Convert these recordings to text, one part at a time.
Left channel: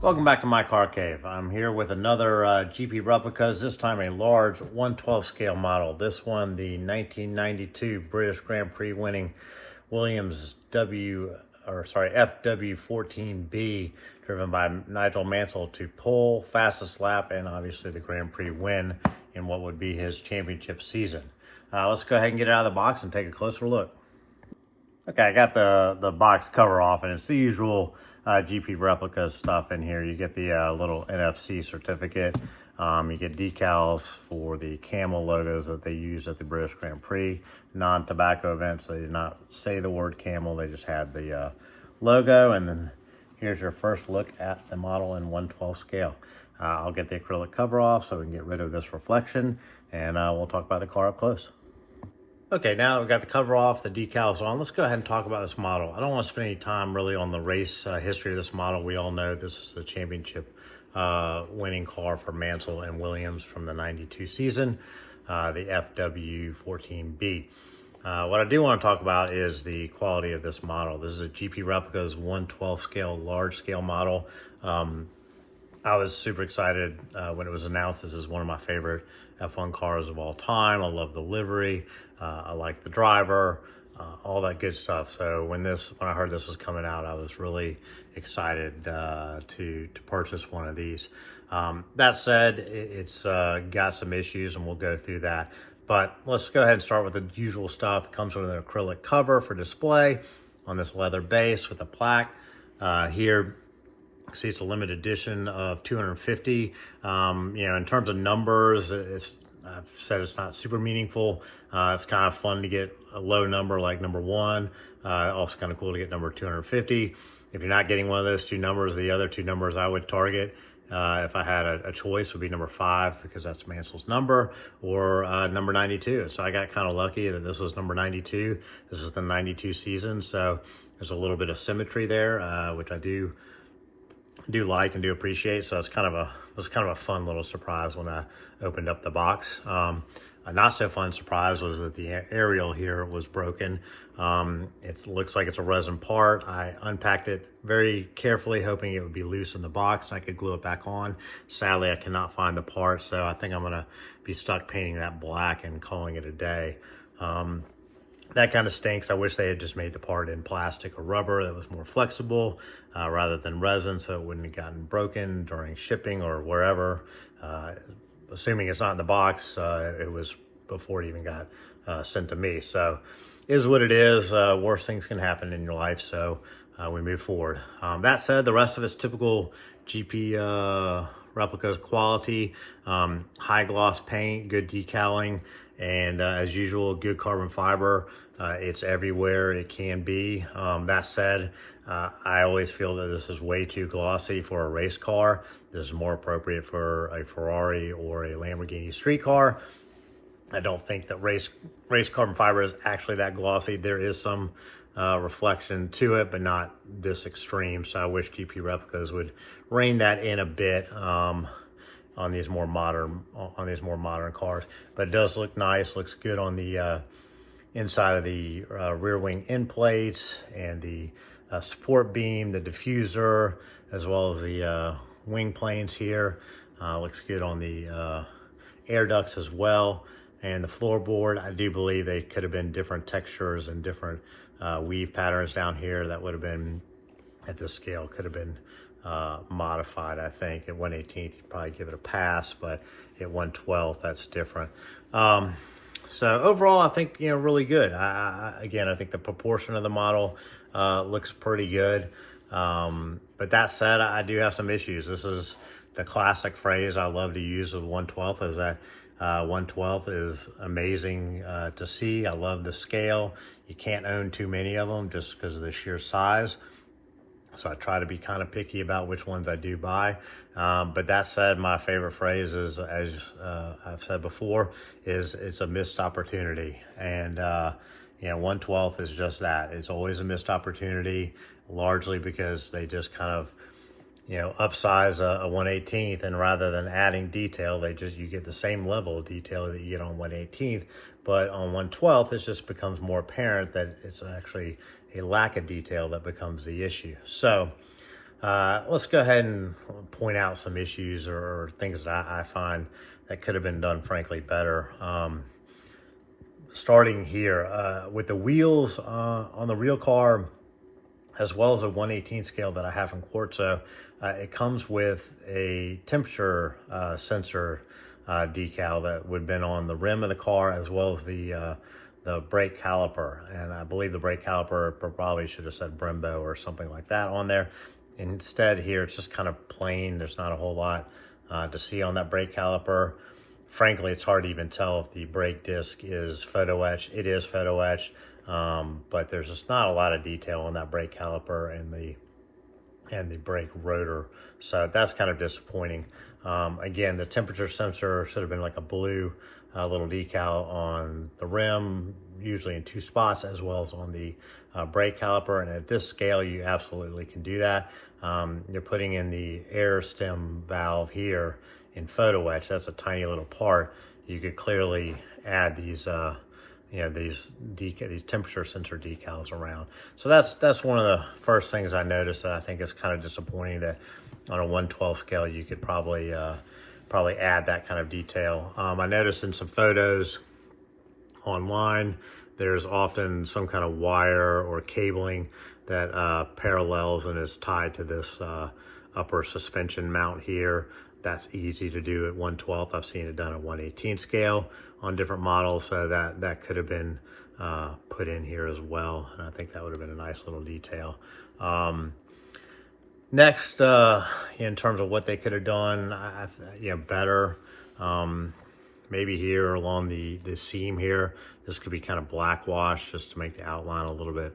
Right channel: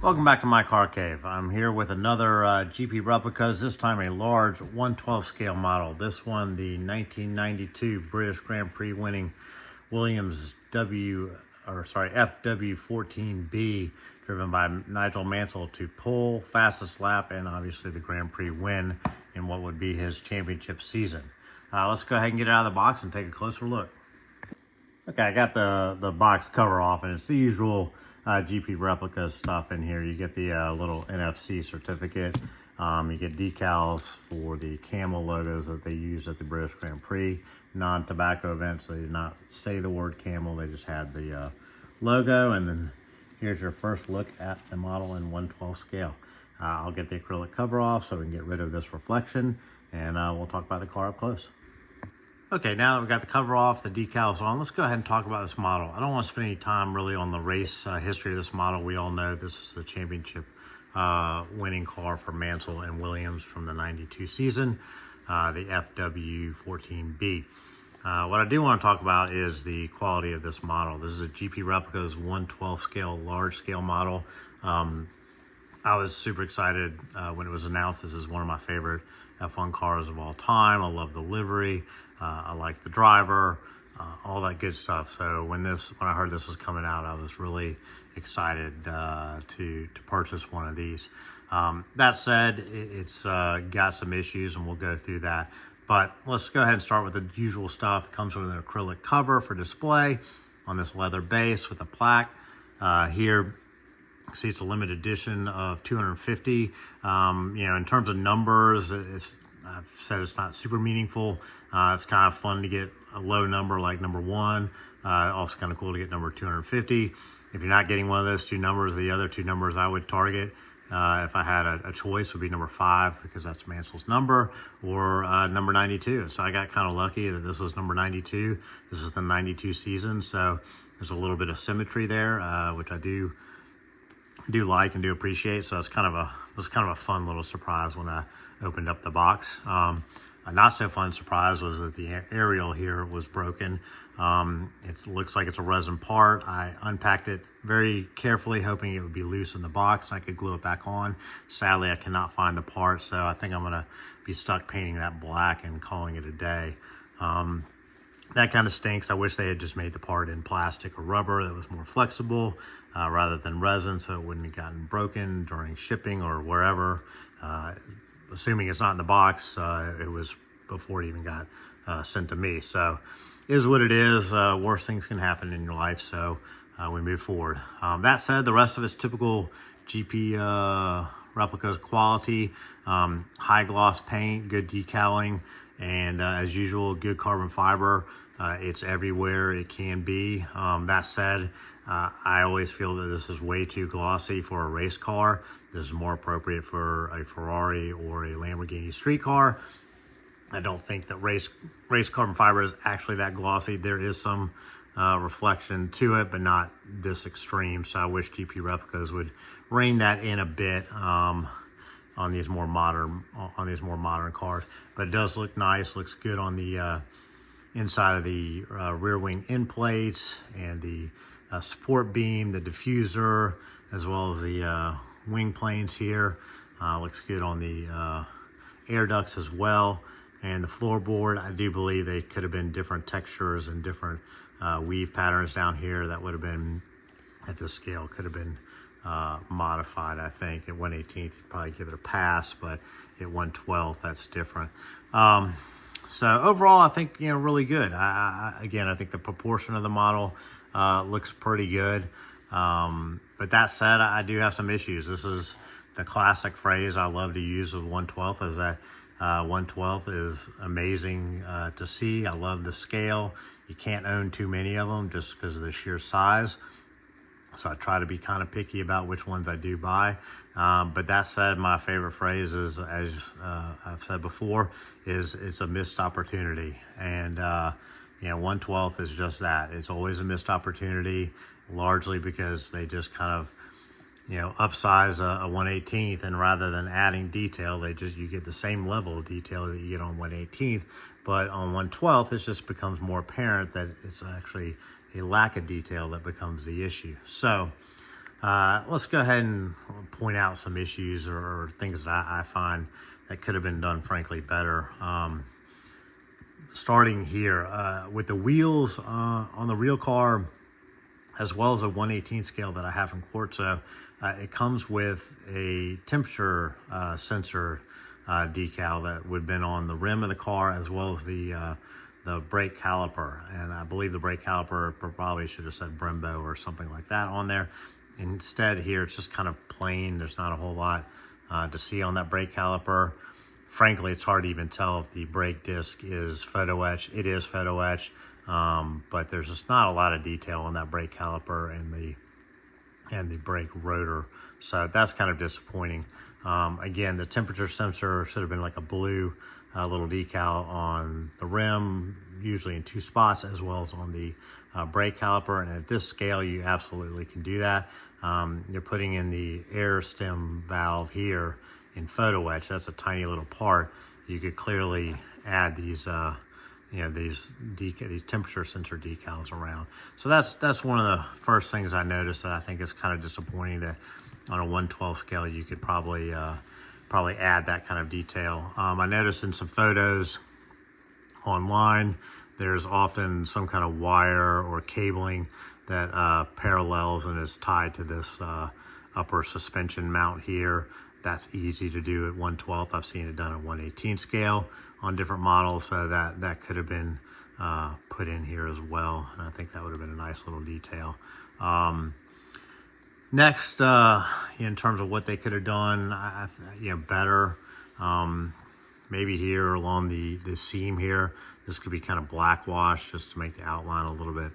Welcome back to my car cave. I'm here with another GP Replicas, this time a large 1/12 scale model. This one, the 1992 British Grand Prix winning Williams FW14B, driven by Nigel Mansell to pole, fastest lap, and obviously the Grand Prix win in what would be his championship season. Let's go ahead and get it out of the box and take a closer look. Okay, I got the box cover off, and it's the usual GP Replicas stuff in here. You get the little NFC certificate. You get decals for the camel logos that they used at the British Grand Prix non-tobacco event. So they did not say the word camel, they just had the logo. And then here's your first look at the model in 1/12 scale. I'll get the acrylic cover off so we can get rid of this reflection, and we'll talk about the car up close. Okay, now we've got the cover off, the decals on. Let's go ahead and talk about this model. I don't want to spend any time really on the race history of this model. We all know this is the championship winning car for Mansell and Williams from the 92 season, the FW14B. What I do want to talk about is the quality of this model. This is a GP Replicas 1/12 scale, large scale model. I was super excited when it was announced. This is one of my favorite F1 cars of all time. I love the livery. I like the driver, all that good stuff. So when I heard this was coming out, I was really excited to purchase one of these. That said, it's got some issues, and we'll go through that. But let's go ahead and start with the usual stuff. It comes with an acrylic cover for display on this leather base with a plaque. Here, see, it's a limited edition of 250. In terms of numbers, I've said it's not super meaningful. It's kind of fun to get a low number like number 1. Also kind of cool to get number 250. If you're not getting one of those two numbers, the other two numbers I would target, if I had a choice, would be number 5, because that's Mansell's number, or number 92. So I got kind of lucky that this was number 92. This is the 92 season, so there's a little bit of symmetry there, which I do like and do appreciate. So it's kind of a fun little surprise when I opened up the box. A not so fun surprise was that the aerial here was broken. It looks like it's a resin part. I unpacked it very carefully, hoping it would be loose in the box and I could glue it back on. Sadly, I cannot find the part, so I think I'm gonna be stuck painting that black and calling it a day. That kind of stinks. I wish they had just made the part in plastic or rubber that was more flexible rather than resin, so it wouldn't have gotten broken during shipping or wherever. Assuming it's not in the box, it was before it even got sent to me. So is what it is. Worse things can happen in your life, so we move forward. That said, the rest of it's typical GP Replicas quality. High gloss paint, good decaling, and as usual, good carbon fiber. It's everywhere it can be. That said, I always feel that this is way too glossy for a race car. This is more appropriate for a Ferrari or a Lamborghini street car. I don't think that race carbon fiber is actually that glossy. There is some reflection to it, but not this extreme. So I wish GP Replicas would rein that in a bit on these more modern cars. But it does look nice. Looks good on the inside of the rear wing end plates and the support beam, the diffuser, as well as the wing planes here. Looks good on the air ducts as well. And the floorboard, I do believe they could have been different textures and different weave patterns down here. That would have been, at this scale, could have been modified. I think at 1/18th, you'd probably give it a pass, but at 1/12th, that's different. So overall, I think, really good. Again, I think the proportion of the model looks pretty good. But that said, I do have some issues. This is the classic phrase I love to use with 1/12, is that 1/12 is amazing to see. I love the scale. You can't own too many of them just because of the sheer size. So I try to be kind of picky about which ones I do buy. But that said, my favorite phrase is, as I've said before, is it's a missed opportunity. And, 1/12 is just that. It's always a missed opportunity, largely because they just kind of, upsize a 1/18th, and rather than adding detail, you get the same level of detail that you get on 1/18th. But on 1/12th, it just becomes more apparent that it's actually a lack of detail that becomes the issue. So let's go ahead and point out some issues or things that I find that could have been done, frankly, better. Starting here with the wheels on the real car, as well as a 1/18 scale that I have in Quartzo, it comes with a temperature sensor decal that would have been on the rim of the car, as well as the brake caliper. And I believe the brake caliper probably should have said Brembo or something like that on there. Instead here, it's just kind of plain. There's not a whole lot to see on that brake caliper. Frankly, it's hard to even tell if the brake disc is photo etched. It is photo etched, but there's just not a lot of detail on that brake caliper and the brake rotor. So that's kind of disappointing. Again, the temperature sensor should have been like a blue little decal on the rim, usually in 2 spots, as well as on the brake caliper. And at this scale, you absolutely can do that. You're putting in the air stem valve here in photo etch. That's a tiny little part. You could clearly add these these temperature sensor decals around. So that's one of the first things I noticed that I think is kind of disappointing, that on a 1/12 scale you could probably add that kind of detail. I noticed in some photos online, there's often some kind of wire or cabling that parallels and is tied to this upper suspension mount here. That's easy to do at 1/12. I've seen it done at 1/18 scale on different models, so that could have been put in here as well. And I think that would have been a nice little detail. Next, in terms of what they could have done, better. Maybe here along the seam here, this could be kind of black wash just to make the outline a little bit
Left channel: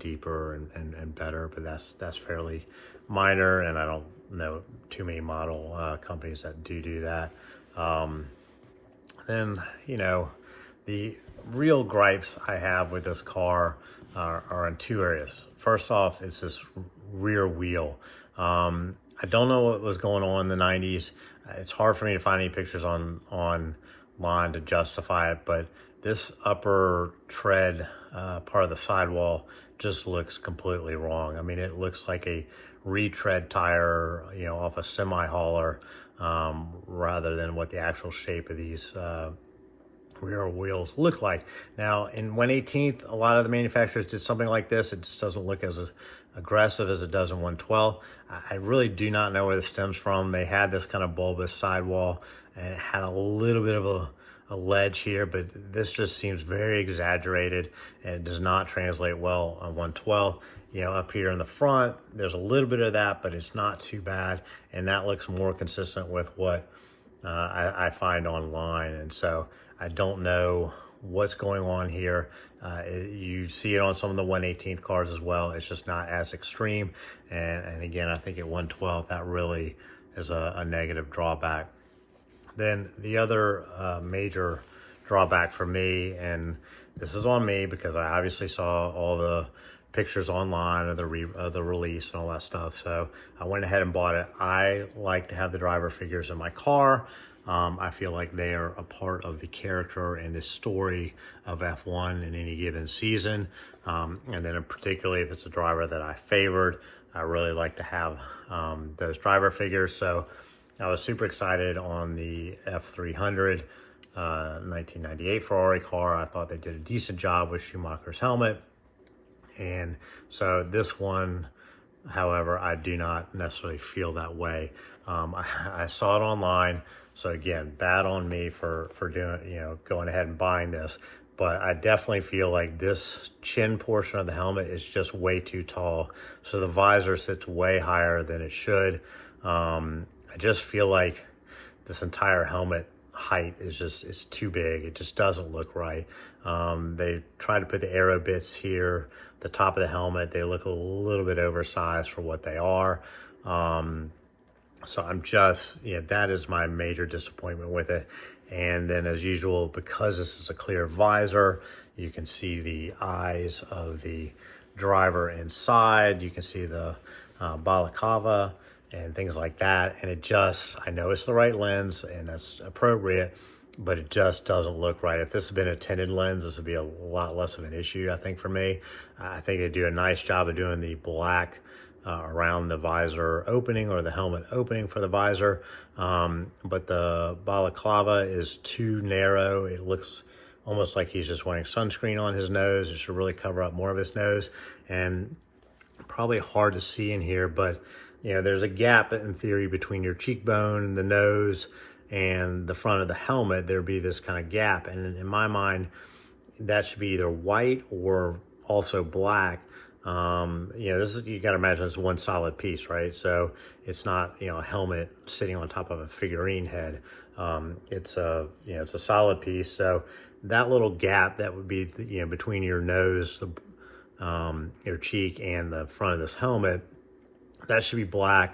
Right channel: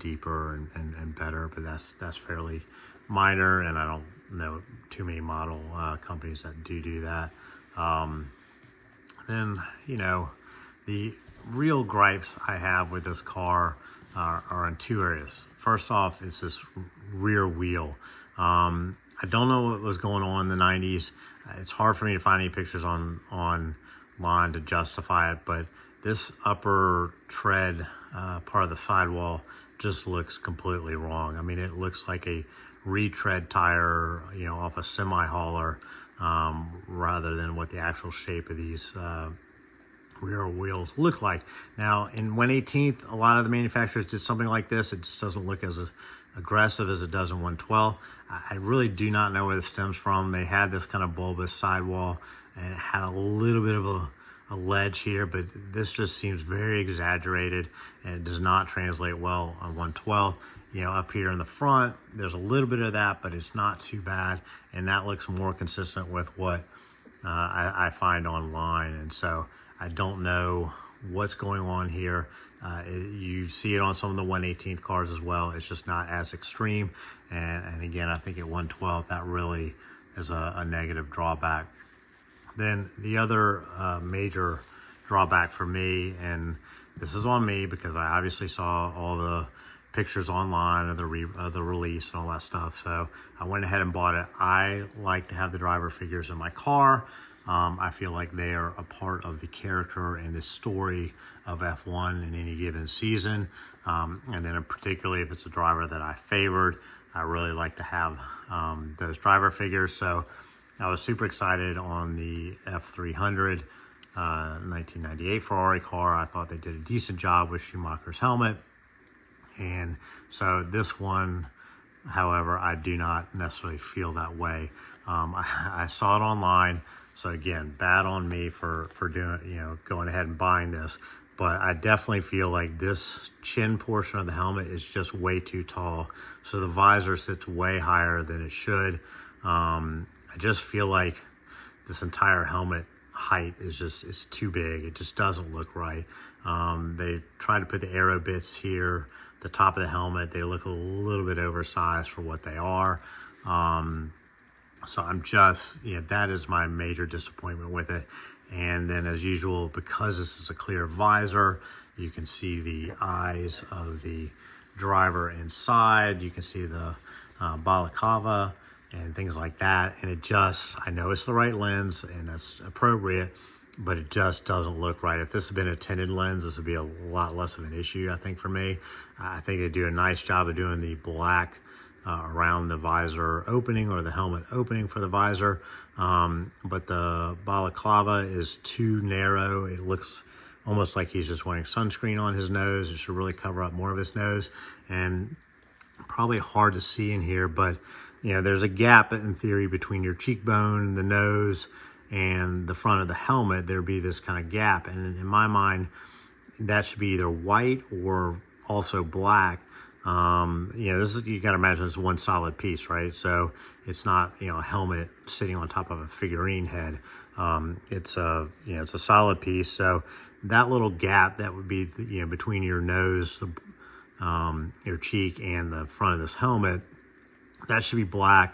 deeper and better, but that's fairly minor, and I don't know too many model companies that do that. Then, the real gripes I have with this car are in 2 areas. First off, it's this rear wheel. I don't know what was going on in the 90s. It's hard for me to find any pictures online to justify it, but this upper tread part of the sidewall just looks completely wrong. I mean, it looks like a retread tire, off a semi-hauler, rather than what the actual shape of these rear wheels look like. Now, in 1/18th, a lot of the manufacturers did something like this. It just doesn't look as aggressive as it does in 1/12. I really do not know where this stems from. They had this kind of bulbous sidewall, and it had a little bit of a ledge here, but this just seems very exaggerated, and it does not translate well on 1/12. Up here in the front, there's a little bit of that, but it's not too bad, and that looks more consistent with what I find online. And so I don't know what's going on here. You see it on some of the 1/18th cars as well. It's just not as extreme, and again, I think at 1/12 that really is a negative drawback. Then the other major drawback for me, and this is on me because I obviously saw all the pictures online of the release and all that stuff, so I went ahead and bought it. I like to have the driver figures in my car. I feel like they are a part of the character and the story of F1 in any given season, and then particularly if it's a driver that I favored, I really like to have those driver figures. So I was super excited on the F300 1998 Ferrari car. I thought they did a decent job with Schumacher's helmet. And so this one, however, I do not necessarily feel that way. I saw it online, so again, bad on me for doing, going ahead and buying this. But I definitely feel like this chin portion of the helmet is just way too tall. So the visor sits way higher than it should. I just feel like this entire helmet height is too big. It just doesn't look right. They tried to put the aero bits here. the top of the helmet, they look a little bit oversized for what they are. So I'm just, yeah, that is my major disappointment with it. And then as usual, because this is a clear visor, you can see the eyes of the driver inside. You can see the balaclava and things like that. And it just, I know it's the right lens and that's appropriate, but it just doesn't look right. If this had been a tinted lens, this would be a lot less of an issue, I think, for me. I think they do a nice job of doing the black around the visor opening or the helmet opening for the visor. But the balaclava is too narrow. It looks almost like he's just wearing sunscreen on his nose. It should really cover up more of his nose. And probably hard to see in here, but you know, there's a gap in theory between your cheekbone, the nose, and the front of the helmet. There'd be this kind of gap. And in my mind, that should be either white or also black. You know, this is, you got to imagine it's one solid piece, right? So it's not, you know, a helmet sitting on top of a figurine head. It's a, you know, it's a solid piece. So that little gap that would be, you know, between your nose, your cheek, and the front of this helmet, that should be black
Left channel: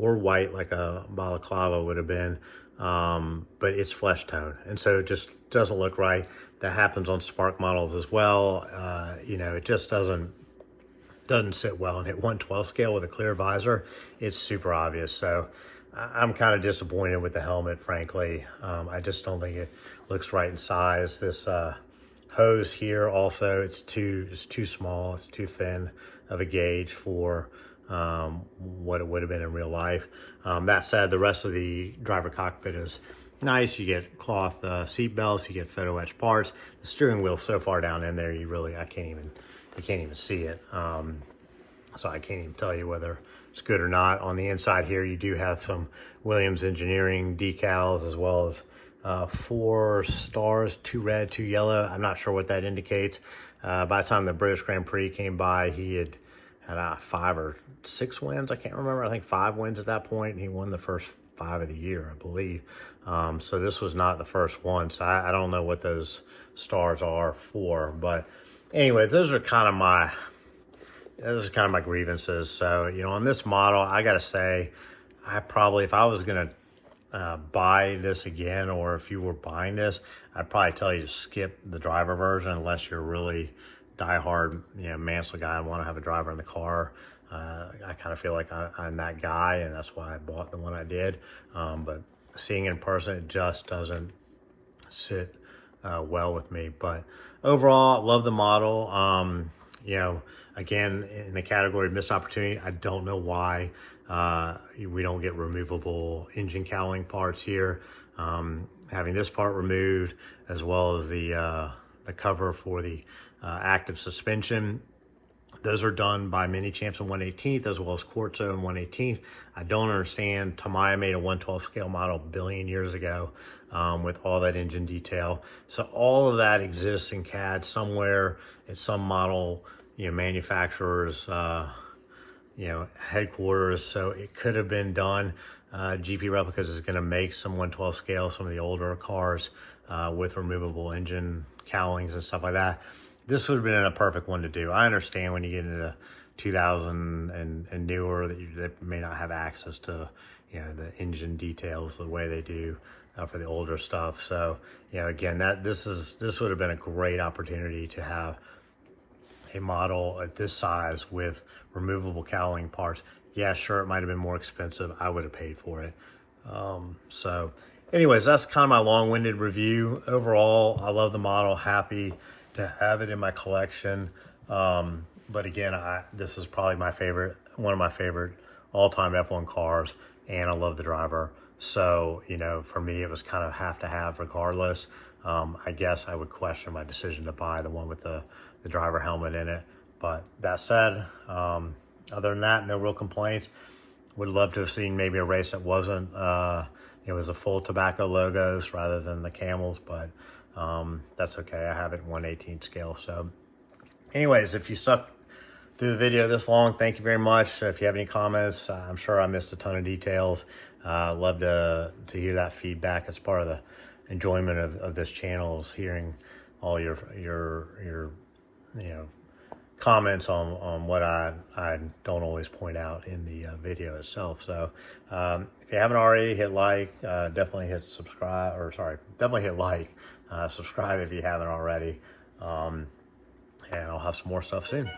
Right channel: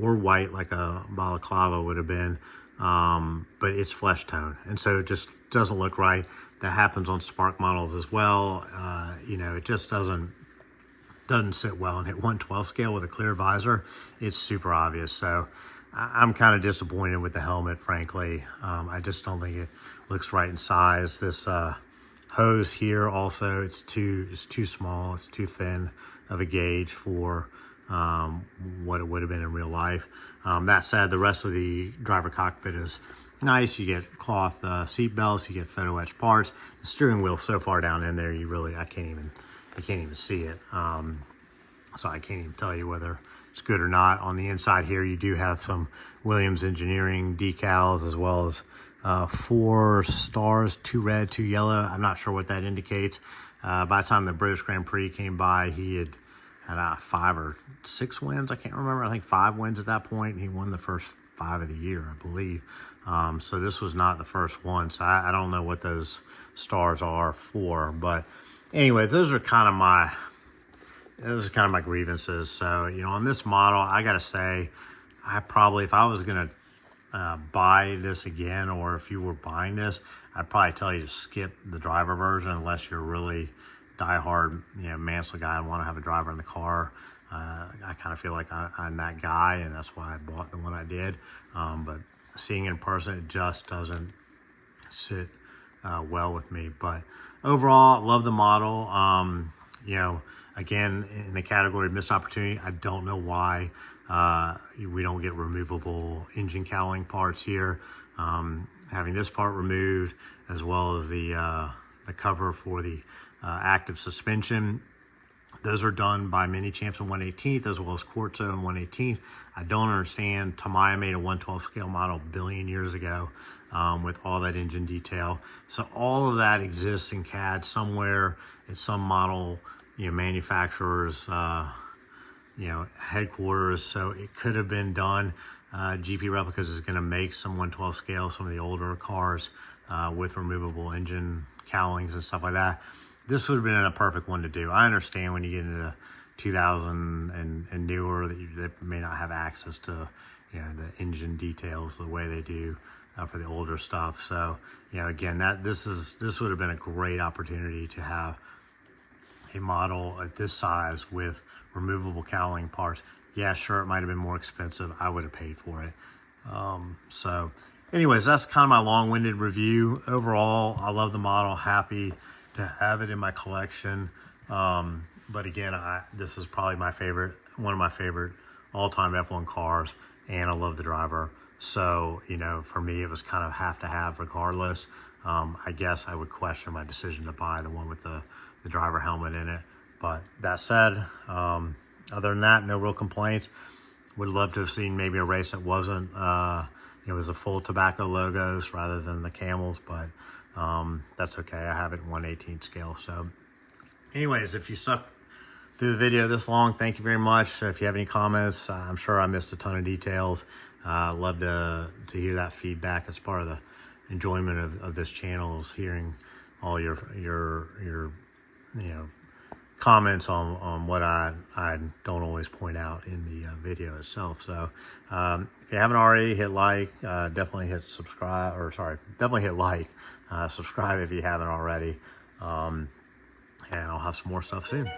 or white like a balaclava would have been. But it's flesh tone, and so it just doesn't look right. That happens on Spark models as well. You know, it just doesn't sit well. And at 1/12 scale with a clear visor, it's super obvious. So I'm kind of disappointed with the helmet, frankly. I just don't think it looks right in size. This hose here also, it's too small. It's too thin of a gauge for what it would have been in real life. That said, the rest of the driver cockpit is nice. You get cloth seat belts, you get photo etched parts. The steering wheel so far down in there, you really, I can't even see it. So I can't even tell you whether it's good or not. On the inside here, you do have some Williams Engineering decals, as well as 4 stars, 2 red, 2 yellow. I'm not sure what that indicates. By the time the British Grand Prix came by, he had 5 or 6 wins. I can't remember. I think 5 wins at that point. He won the first 5 of the year, I believe. So this was not the first one. So I don't know what those stars are for. But anyway, those are kind of my grievances. So, you know, on this model, I got to say, I probably, if I was going to buy this again, or if you were buying this, I'd probably tell you to skip the driver version unless you're really diehard, you know, Mansell guy and want to have a driver in the car. I kind of feel like I'm that guy, and that's why I bought the one I did. But seeing it in person, it just doesn't sit well with me. But overall, I love the model. You know, again, in the category of missed opportunity, I don't know why we don't get removable engine cowling parts here. Having this part removed, as well as the cover for the active suspension, those are done by Mini Champs in 1/18th, as well as Quartzo in 1/18th. I don't understand. Tamiya made a 1/12 scale model a billion years ago with all that engine detail. So all of that exists in CAD somewhere at some model, you know, manufacturer's, you know, headquarters. So it could have been done. GP Replicas is going to make some 1/12 scale, some of the older cars with removable engine cowlings and stuff like that. This would have been a perfect one to do. I understand when you get into the 2000 and newer that may not have access to, you know, the engine details the way they do for the older stuff. So, you know, again, this would have been a great opportunity to have a model at this size with removable cowling parts. Yeah, sure, it might have been more expensive. I would have paid for it. So anyways, that's kind of my long-winded review. Overall, I love the model. Happy to have it in my collection. But again, this is probably one of my favorite all-time F1 cars, and I love the driver. So, you know, for me, it was kind of have to have regardless. I guess I would question my decision to buy the one with the driver helmet in it. But that said, other than that, no real complaints. Would love to have seen maybe a race that wasn't, it was a full tobacco logos rather than the camels, but that's okay. I have it in 1/18 scale. So anyways, if you stuck through the video this long, thank you very much. If you have any comments, I'm sure I missed a ton of details. Love to hear that feedback. It's part of the enjoyment of this channel, is hearing all your you know, comments on what I don't always point out in the video itself. So if you haven't already, hit like, definitely hit subscribe, or sorry, definitely hit like, subscribe if you haven't already, and I'll have some more stuff soon.